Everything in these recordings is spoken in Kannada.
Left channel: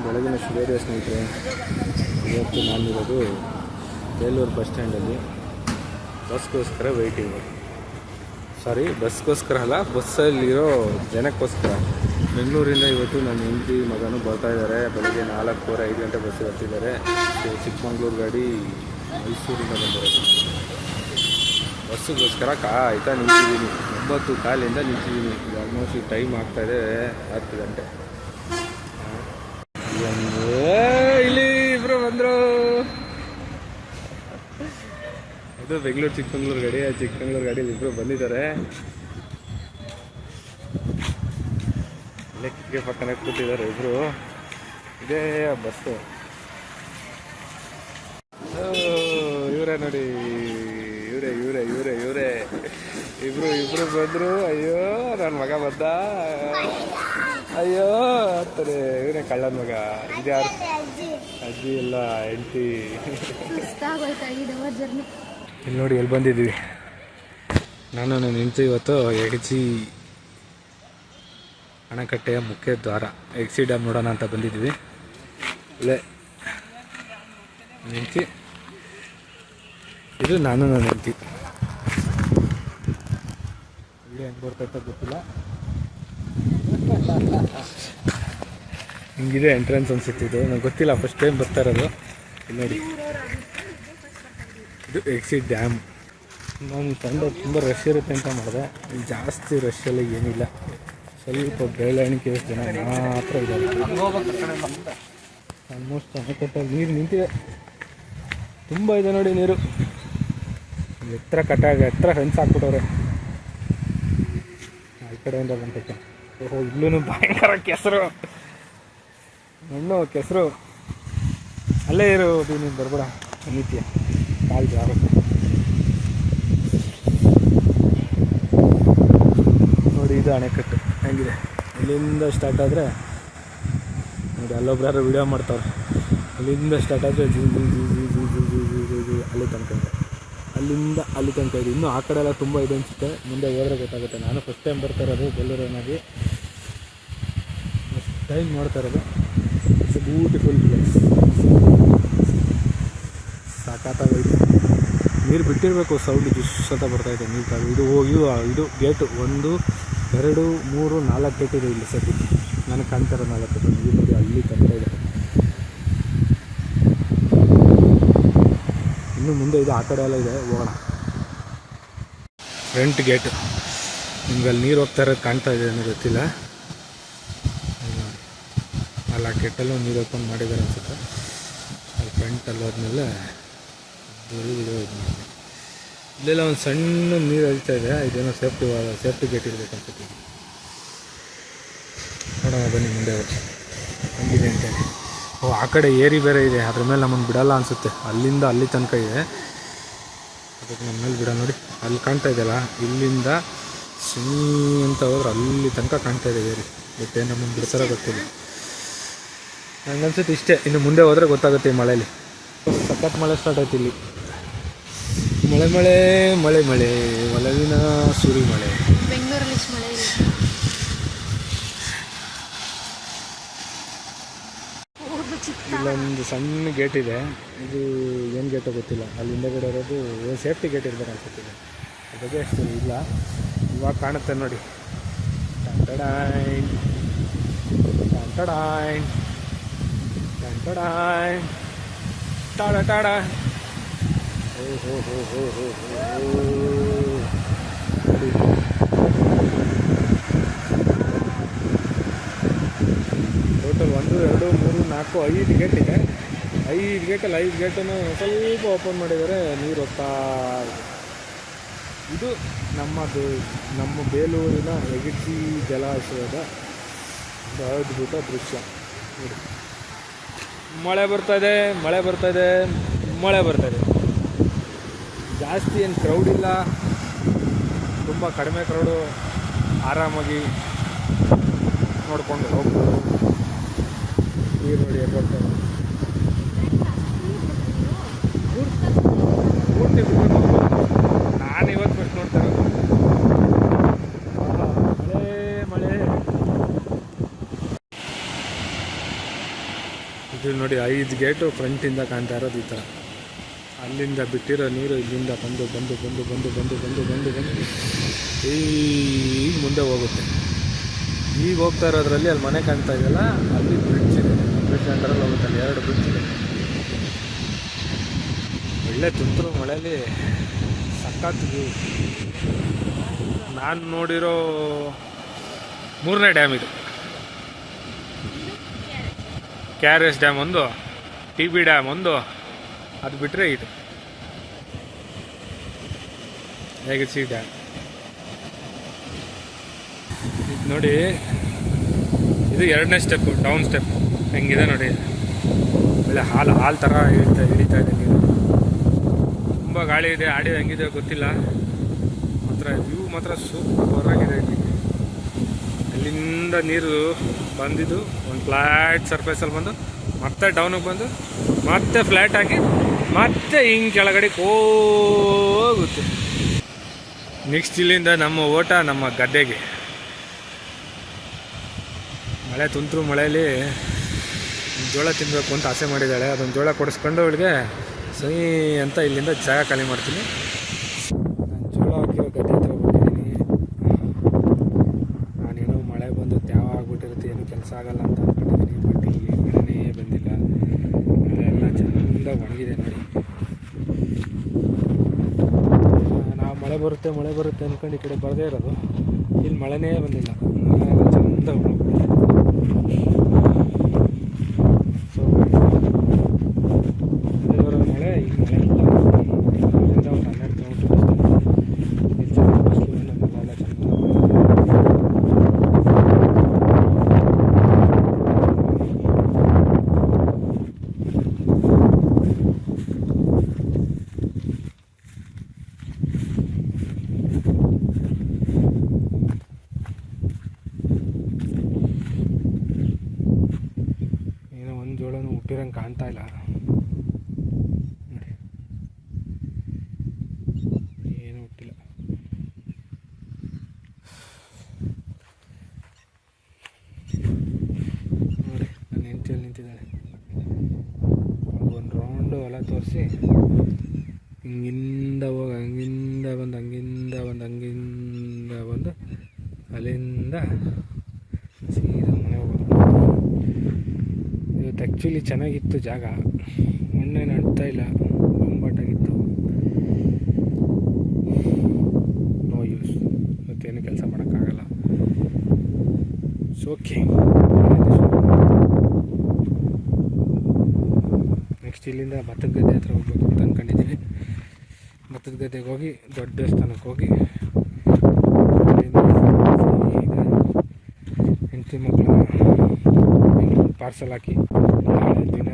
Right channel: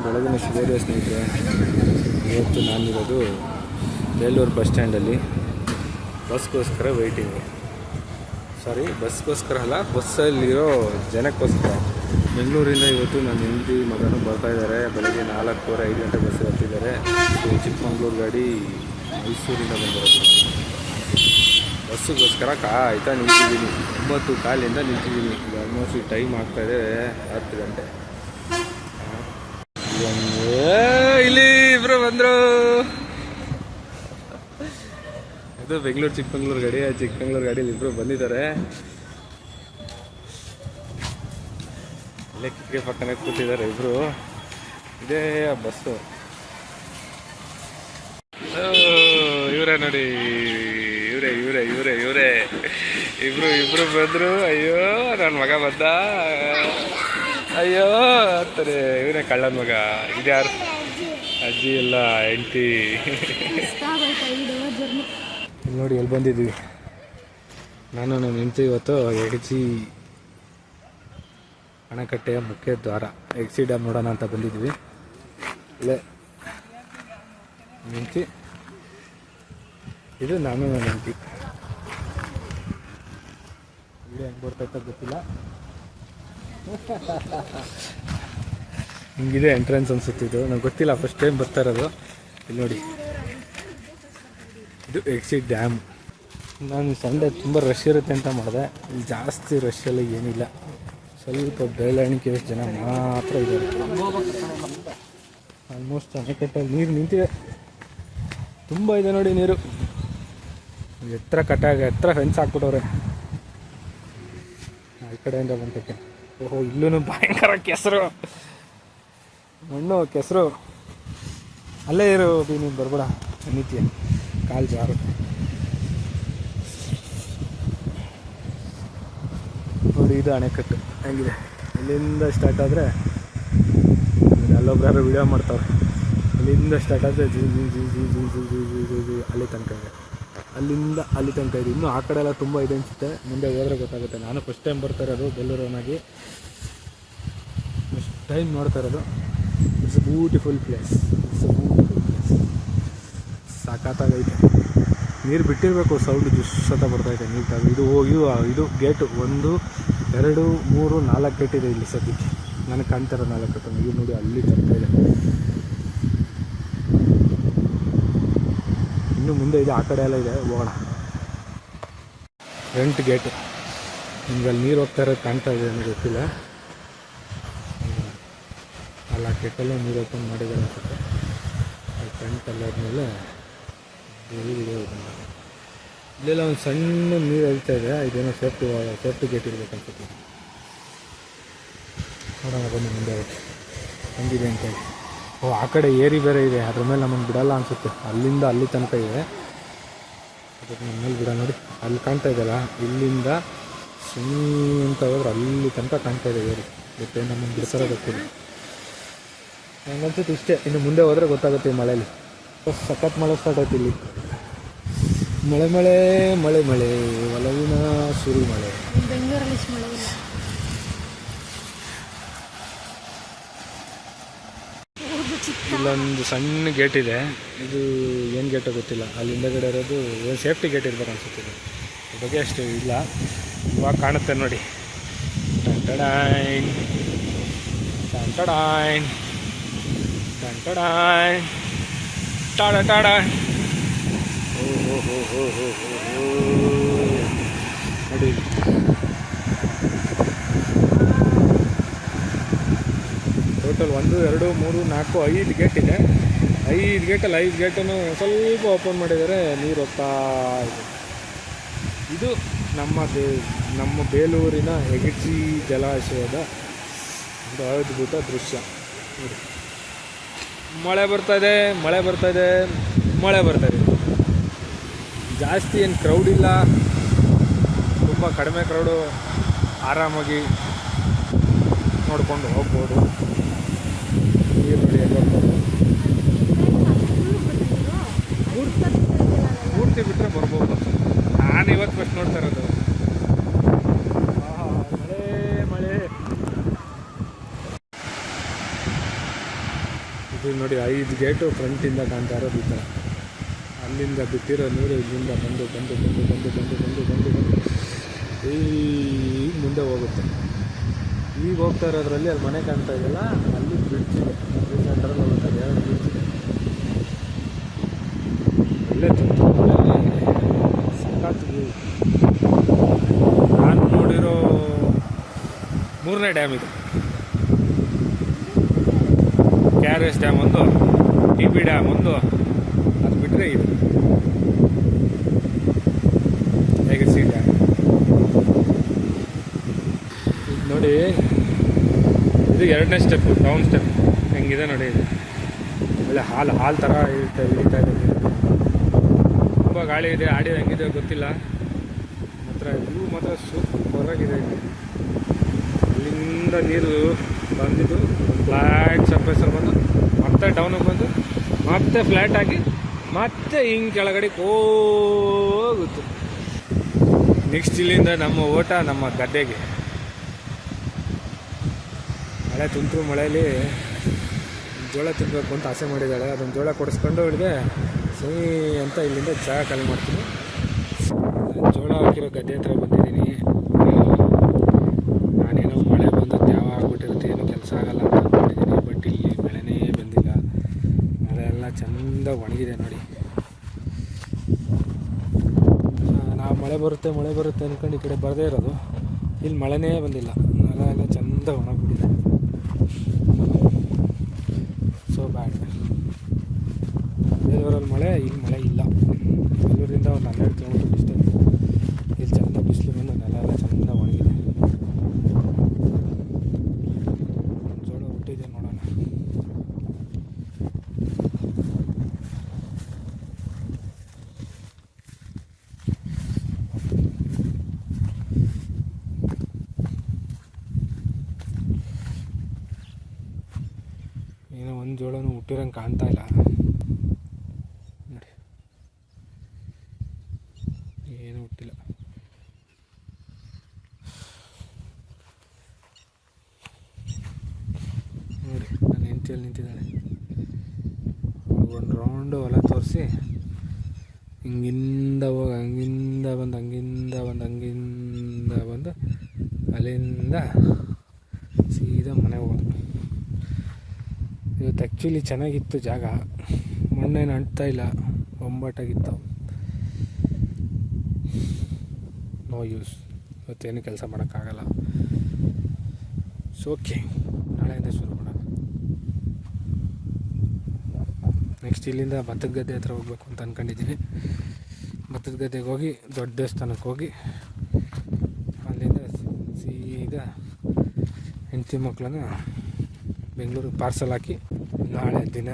ಬೆಳಗಿನ ಶುಭೋದಯ ಸ್ನೇಹಿತರೆ. ಇವತ್ತು ನಾನಿರೋದು ಬೇಲೂರು ಬಸ್ ಸ್ಟ್ಯಾಂಡಲ್ಲಿ ಬಸ್ಗೋಸ್ಕರ ವೆಯ್ಟಿಂಗು. ಬಸ್ಗೋಸ್ಕರ ಅಲ್ಲ, ಬಸ್ಸಲ್ಲಿರೋ ಜನಕ್ಕೋಸ್ಕರ. ಬೆಂಗಳೂರಿಂದ ಇವತ್ತು ನನ್ನ ಹೆಂಡತಿ ಮಗನೂ ಬರ್ತಾಯಿದ್ದಾರೆ. ಬೆಳಗ್ಗೆ 4:15 ಗಂಟೆ ಬಸ್ಸಿಗೆ ಹತ್ತಿದ್ದಾರೆ. ಚಿಕ್ಕಮಂಗ್ಳೂರು ಗಾಡಿ ಮೈಸೂರಿಂದ ಬಂದಿರೋದು. ಬಸ್ಸಿಗೋಸ್ಕರ ಕಾಯ್ತಾ ನಿಂತಿದ್ದೀನಿ. 9:15 ನಿಂತಿದ್ದೀನಿ. ಈಗ ಆಲ್ಮೋಸ್ಟ್ ಈ ಟೈಮ್ ಆಗ್ತಾಯಿದೆ 10 ಗಂಟೆ. ಇಲ್ಲಿ ಇಬ್ರು ಬಂದರು. ಇದು ಬೆಂಗಳೂರು ಚಿಕ್ಕಮಂಗ್ಳೂರು ಗಾಡಿ. ಚಿಕ್ಕಮಂಗ್ಳೂರು ಗಾಡಿಯಲ್ಲಿ ಇಬ್ರು ಬಂದಿದ್ದಾರೆ. ಇಲ್ಲೇ ಕಿಟಕಿ ಪಕ್ಕನೇ ಕೂತಿದ್ದಾರೆ ಇಬ್ರು. ಇದೇ ಬಸ್ಸು. ಇವರೇ ನೋಡಿ, ಇವರೇ ಇಬ್ರು ಬಂದರು. ಅಯ್ಯೋ ನನ್ನ ಮಗ ಬಂದ, ಅಯ್ಯೋ ಅಂತಾರೆ. ಇವನೇ ಕಳ್ಳನ ಮಗ. ಇದ್ಯಾರು? ಅಜ್ಜಿ ಎಲ್ಲ ಹೆಂಡತಿ. ಇಲ್ಲಿ ನೋಡಿ ಎಲ್ಲಿ ಬಂದಿದ್ದೀವಿ. ನಾನು ನನ್ನ ಹೆಂಡತಿ ಇವತ್ತು ಎಗಚಿ ಅಣೆಕಟ್ಟೆಯ ಮುಖ್ಯ ದ್ವಾರ ಎಗ್ಸಿ ಡ್ಯಾಮ್ ನೋಡೋಣ ಅಂತ ಬಂದಿದ್ವಿ. ಇಲ್ಲೇ ಹೆಂಡತಿ, ಇದು ನಾನು ನನ್ನ ಹೆಂಡತಿ. ಇಲ್ಲಿ ಹೆಂಗೆ ಬರ್ತೈತ ಗೊತ್ತಿಲ್ಲ. ಹಿಂಗಿದೆ ಎಂಟ್ರೆನ್ಸ್ ಅನ್ಸುತ್ತೆ. ಇದು ನಂಗೆ ಗೊತ್ತಿಲ್ಲ, ಫಸ್ಟ್ ಟೈಮ್ ಬರ್ತಾ ಇರೋದು. ಇಲ್ಲಿ ನೋಡಿ, ಇದು ಎಗ್ಸಿ ಡ್ಯಾಮ್. ನಾನು ಸಂಡೆ ತುಂಬ ರಶ್ ಇರುತ್ತೆ ಅಂತ ಮಾಡಿದೆ. ಇಲ್ಲಿ ಜಾಸ್ತಿ ರಶ್ ಎಲ್ಲ ಏನಿಲ್ಲ. ಸ್ವಲ್ಪ ಬೆರಳೆಣಿಕೆ ಜನ ಮಾತ್ರ ಇದ್ದಾರೆ. ಆಲ್ಮೋಸ್ಟ್ ಅಣೆಕಟ್ಟಲ್ಲಿ ನೀರು ನಿಂತಿದೆ. ತುಂಬ ಇದೆ ನೋಡಿ ನೀರು. ಎತ್ತರ ಫೆನ್ಸ್ ಹಾಕ್ಬಿಟ್ಟವ್ರೆ ಈ ಕಡೆಯಿಂದ ಬಂಟಕ್ಕೆ. ಓಹೋ, ಇಲ್ಲೂ ಭಯಂಕರ ಕೆಸರು, ಮಣ್ಣು ಕೆಸರು. ಅಲ್ಲೇ ಇರು ನೀನು, ಬರ್ಬೇಡ ನಿತ್ಯ ಕಾಲು ಜಾರುತ್ತೆ. ನೋಡಿ, ಇದು ಅಣೆಕಟ್ಟು ಹೆಂಗಿದೆ. ಇಲ್ಲಿಂದ ಸ್ಟಾರ್ಟ್ ಆದರೆ ನೋಡಿ, ಅಲ್ಲೊಬ್ರು ವಿಡಿಯೋ ಮಾಡ್ತಾವ್ರೆ. ಅಲ್ಲಿಂದ ಸ್ಟಾರ್ಟ್ ಆದರೆ ಅಲ್ಲಿ ತನಕ ಇದೆ. ಅಲ್ಲಿಂದ ಅಲ್ಲಿ ತನಕ ಇದೆ. ಇನ್ನೂ ಆ ಕಡೆ ಎಲ್ಲ ತುಂಬ ಇದೆ ಅನಿಸುತ್ತೆ. ಮುಂದೆ ಹೋದರೆ ಗೊತ್ತಾಗುತ್ತೆ. ನಾನು ಫಸ್ಟ್ ಟೈಮ್ ಬರ್ತಾ ಇರೋದು ಬೆಂಗಳೂರನ್ನಾಗಿ. ಫಸ್ಟ್ ಟೈಮ್ ನೋಡ್ತಾ ಇರೋದು. It's a beautiful place. ಸಾಕಾಗೈತೆ. ನೀರು ಬಿಟ್ಟಿರಬೇಕು, ಸೌಂಡ್ ಜುಸ್ಸತ ಬರ್ತಾಯಿದೆ ನೀರು. ಇದು ಗೇಟು 1, 2, 3, 4 ಗೇಟ್ ಇದೆ ಇಲ್ಲಿ ಸದ್ಯಕ್ಕೆ. ನನಗೆ ಕಾಣ್ತಾರೋ 4 ನೀರು ನೋಡಿ ಅಲ್ಲಿ ತನಕ ಇದೆ. ಇನ್ನು ಮುಂದೆ ಇದೆ, ಆ ಕಡೆ ಎಲ್ಲ ಇದೆ. ಹೋಗೋಣ. Front gate. ನಿಮ್ಗೆ ಅಲ್ಲಿ ನೀರು ಹೋಗ್ತಾ ಇರೋದು ಕಾಣ್ತಾ ಇದೆ ಅನ್ನೋ ಗೊತ್ತಿಲ್ಲ. ಅಲ್ಲಿ ಆ ಗೇಟಲ್ಲೂ ನೀರು ಓಪನ್ ಮಾಡಿದ್ದಾರೆ ಅನ್ಸುತ್ತೆ. ಅಲ್ಲಿ ಫ್ರಂಟಲ್ಲಿ ಹೋದ್ಮೇಲೆ ಇಲ್ಲೆಲ್ಲ ಒಂದು ಸಣ್ಣ ನೀರು ಹರಿತಾ ಇದೆ. ಇದೇನೋ ಸೇಫ್ಟಿ ಗೇಟ್ ಇರಬೇಕು ಅನ್ಸುತ್ತೆ. ನೋಡೋಣ ಬನ್ನಿ ಮುಂದೆ ಹೆಂಗಿದೆ ಅಂತ ಹೇಳಿ. ಓ, ಆ ಕಡೆ ಏರಿ ಬೇರೆ ಇದೆ. ಅದ್ರ ಮೇಲೆ ನಮ್ಮನ್ನು ಬಿಡಲ್ಲ ಅನಿಸುತ್ತೆ. ಅಲ್ಲಿಂದ ಅಲ್ಲಿ ತನಕ ಇದೆ. ಅದಕ್ಕೆ ನಮ್ಮ ಮೇಲೆ ಬಿಡ. ನೋಡಿ ಅಲ್ಲಿ ಕಾಣ್ತಾ ಇದೆಯಲ್ಲ, ಇಲ್ಲಿಂದ ಸಿಂಗ್ ಅಂತ ಹೋದ್ರೆ ಅಲ್ಲಿ ತನಕ ಕಾಣ್ತಾ ಇದೆ ಏರಿ. ಮತ್ತೆ ನಮ್ಮನ್ನು ಬಿಡ್ತಾರೋ ಗೊತ್ತಿಲ್ಲ. ನನಗನ್ಸುತ್ತೆ ಇಷ್ಟೇ. ಇನ್ನು ಮುಂದೆ ಹೋದರೆ ಗೊತ್ತಾಗುತ್ತೆ. ಈ ಮಳೆಯಲ್ಲಿ ಸಖತ್ ಮಳೆ ಸ್ಟಾರ್ಟ್ ಆಯ್ತು ಇಲ್ಲಿ. ಮಳೆ ಒಲವಿನ ಸುರಿ ಮಳೆ. ಬೆಂಗಳೂರಲ್ಲಿ ಇಲ್ಲೊಂದು ಸಣ್ಣ ಗೇಟ್ ಇದೆ. ಇದು ಏನು ಗೇಟೋ ಗೊತ್ತಿಲ್ಲ. ಅಲ್ಲಿ ಹಿಂದಗಡೆ ಇರೋದು ಸೇಫ್ಟಿ ಗೇಟ್ ಇರ್ಬೇಕು ಅನ್ಸುತ್ತೆ. ಅದ್ರ ಬಗ್ಗೆ ಅಷ್ಟು ಇಲ್ಲ. ಇವಾಗ ಕಾಣುತ್ತೆ ನೋಡಿ. ಟಂಟಡಾಯ್ ಟಾಡ ಟಾಡ. ಓ ನೋಡಿ, ಟೋಟಲ್ 1, 2, 3, 4, 5 ಗೇಟ್ ಇದೆ. 5 ಗೇಟಲ್ಲಿ 5 ಗೇಟನ್ನು ಸ್ವಲ್ಪ ಓಪನ್ ಮಾಡಿದ್ದಾರೆ. ನೀರು ಹೋಗ್ತಾ ಇದೆ. ಇದು ನಮ್ಮ ಬೇಲೂರಿನ ಎಗಚಿ ಜಲಾಶಯದ ಒಂದು ಅದ್ಭುತ ದೃಶ್ಯ ನೋಡಿ. ಮಳೆ ಬರ್ತಾ ಇದೆ. ಜಾಸ್ತಿ ಏನು ಕ್ರೌಡ್ ಇಲ್ಲ, ತುಂಬ ಕಡಿಮೆ ಕ್ರೌಡು. ಆರಾಮಾಗಿ ನೋಡ್ಕೊಂಡು ಹೋಗ್ಬೋದು. ನೀರು ನೋಡಿ ಎಲ್ಲಿ ಹೋಗ್ತಾರೆ. ಪೂರ್ತಿ ಬಿಟ್ಟರೆ ಬರ್ಬೋದು. ನಾನು ಇವತ್ತು ಫಸ್ಟ್ ನೋಡ್ತಾ ಇರೋದು. ಮಳೆ ಇದು ನೋಡಿ 5 ಗೇಟು ಫ್ರಂಟಿಂದ ಕಾಣ್ತಾ ಇರೋದು ಈ ಥರ. ಅಲ್ಲಿಂದ ಬಿಟ್ಟಿರೋ ನೀರು ಇಲ್ಲಿಂದ ಬಂದು ಬಂದು ಬಂದು ಬಂದು ಬಂದು ಬಂದು ಬಂದು ಬಂದು ಈಗ ಮುಂದೆ ಹೋಗುತ್ತೆ. ಈಗ ಹೋಗ್ತಾ ಇರೋದ್ರಲ್ಲಿ ಅಲ್ಲಿ ಮನೆ ಕಾಣ್ತಾ ಇದೆಯಲ್ಲ, ಅಲ್ಲಿ ಬ್ರಿಡ್ಜ್ ಇದೆ. ಬ್ರಿಡ್ಜ್ ಅಂಡರಲ್ಲಿ ಹೋಗುತ್ತೆ, ಅಲ್ಲಿ 2 ಬ್ರಿಡ್ಜ್ ಇದೆ. ಒಳ್ಳೆ ತುಂತುರು ಮಳೆಯಲ್ಲಿ ಸಖತ್ ವ್ಯೂ. ನಾನು ನೋಡಿರೋ 3ನೇ ಡ್ಯಾಮ್ ಇದು. KRS ಡ್ಯಾಮ್ ಒಂದು, TB ಡ್ಯಾಮ್ ಒಂದು, ಅದು ಬಿಟ್ಟರೆ ಇದು ಹೇಗಿರ್ಸಿ ಡ್ಯಾಮ್. ಇದು ನೋಡಿ, ಇದು 2ನೇ ಸ್ಟೆಪ್ಪು, ಡೌನ್ ಸ್ಟೆಪ್. ಹೆಂಗಿದೆ ನೋಡಿ, ಒಳ್ಳೆ ಹಾಲು ಥರ ಇಳಿತಾ ಇದೆ. ತುಂಬ ಗಾಳಿ ಇದೆ, ಆಡಿಯೋ ಹೆಂಗಿದೆ ಗೊತ್ತಿಲ್ಲ. ಮಾತ್ರ ವ್ಯೂ ಮಾತ್ರ ಸೂಪರ್ ಆಗಿದೆ. ಇಲ್ಲಿ ಅಲ್ಲಿಂದ ನೀರು ಬಂದಿದ್ದು ಒಂದು ಫ್ಲ್ಯಾಟ್ ಸರ್ಫೇಸಲ್ಲಿ ಬಂದು ಮತ್ತೆ ಡೌನಿಗೆ ಬಂದು ಮತ್ತೆ ಫ್ಲ್ಯಾಟ್ ಆಗಿ ಮತ್ತೆ ಹಿಂಗೆ ಕೆಳಗಡೆ ಹೋಗುತ್ತೆ. ನೆಕ್ಸ್ಟ್ ಇಲ್ಲಿಂದ ನಮ್ಮ ಓಟ ನಮ್ಮ ಗದ್ದೆಗೆ. ಮಳೆ ತುಂತುರು ಮಳೆಯಲ್ಲಿ ಜೋಳ ತಿನ್ನಬೇಕು ಅಂತ ಆಸೆ ಮಾಡಿದ್ದಾಳೆ. ಅದೊಂದು ಜೋಳ ಕೊಡಿಸ್ಕೊಂಡು ಅವಳಿಗೆ ಸೈ ಅಂತ ಇಲ್ಲಿಂದ ಜಾಗ ಖಾಲಿ ಮಾಡ್ತೀನಿ. ನಾನು ಜೋಳ ಹಾಕಿರೋ ಗದ್ದೆ ಹತ್ರ ಬಂದಿದ್ದೀನಿ. ನಾನೇನೋ ಮಳೆ ಬಂದದ್ದು ಯಾವ ಆಗ್ಬಿಟ್ಟಿರುತ್ತೆ, ಏನೂ ಕೆಲಸ ಆಗಲ್ಲ ಅಂತ ಅಂದ್ಕೊಂಡಿದ್ದೀನಿ. ಬಟ್ ಇಲ್ಲಿ ಮಳೆನೇ ಬಂದಿಲ್ಲ. ಮಳೆ ಎಲ್ಲ ಚೆಂದ ಒಣಗಿದೆ ನೋಡಿ. ನಾವು ಮಳೆ ಬರುತ್ತೆ ಅಂದ್ಕೊಂಡು ಈ ಕಡೆ ಬರದೇ ಇರೋದು. ಇಲ್ಲಿ ಮಳೆನೇ ಬಂದಿಲ್ಲ, ಮಳೆ ಎಲ್ಲ ಚೆಂದ ಒಣಗ್ಬಿಟ್ಟಿದೆ. ಸೊ ಬೆಂಗಳೂರಲ್ಲಿ ಮಳೆ, ಇಲ್ಲಿ ಮಳೆ ಇಲ್ಲ. ಬೆಂಗಳೂರಿಂದ ಒಂದು 12 ಕಿಲೋಮೀಟರ್ ಡಿಸ್ಟೆನ್ಸ್. ಇಲ್ಲಿ ಚೆನ್ನಾಗಿ ಬಿಸಿಲು ಬಂದು ನೆಲ ಚೆಂದ ಮಾಡಿದೆ. ಏನೋ ಒಂದು ಜೋಳನೂ ಹುಟ್ಟಿರಂಗೆ ಕಾಣ್ತಾ ಇಲ್ಲ ನೋಡಿ, ಏನೂ ಹುಟ್ಟಿಲ್ಲ. ನೋಡಿ ನನ್ನ ಹೆಂಡತಿಯಲ್ಲಿ ನಿಂತಿದ್ದಾಳೆ. ಒಂದು ರೌಂಡು ಹೊಲ ತೋರಿಸಿ ಹಿಂಗಿಂದ ಹೋಗಿ ಹಂಗಿಂದ ಬಂದು ಅಲ್ಲಿಂದ ಸೀದಾ ಮನೆಗೆ ಹೋಗೋದು. ಇವತ್ತು ಆ್ಯಕ್ಚುಲಿ ಚೆನ್ನಾಗಿತ್ತು ಜಾಗ, ಮಣ್ಣೇನು ಅಂಟ್ತಾ ಇಲ್ಲ, ಬೊಂಬಾಟಾಗಿತ್ತು. ನೋ ಯೂಸ್, ಇವತ್ತೇನು ಕೆಲಸ ಮಾಡೋಕ್ಕಾಗಲ್ಲ. ಓಕೆ, ನೆಕ್ಸ್ಟ್ ಇಲ್ಲಿಂದ ಭತ್ತದ ಗದ್ದೆ ಹತ್ರ ಹೋಗ್ಬೇಕು ಅಂತ ಅಂದ್ಕೊಂಡಿದ್ದೀನಿ. ಭತ್ತದ ಗದ್ದೆಗೆ ಹೋಗಿ ದೊಡ್ಡ ದೇವಸ್ಥಾನಕ್ಕೆ ಹೋಗಿ ಅಲ್ಲಿಂದ ಸೀದಾ ಹೆಂಡತಿ ಮಕ್ಕಳನ್ನ ಪಾರ್ಸಲ್ ಹಾಕಿ ನಾಳೆ ದಿನ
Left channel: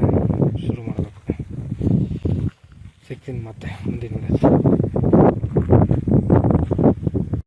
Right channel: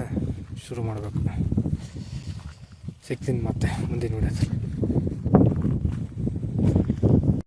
ಶುರು ಮಾಡಬೇಕು. ಸಿಗ್ತೀನಿ ಮತ್ತೆ ಮುಂದಿನ ವಿಡಿಯೋದಲ್ಲಿ.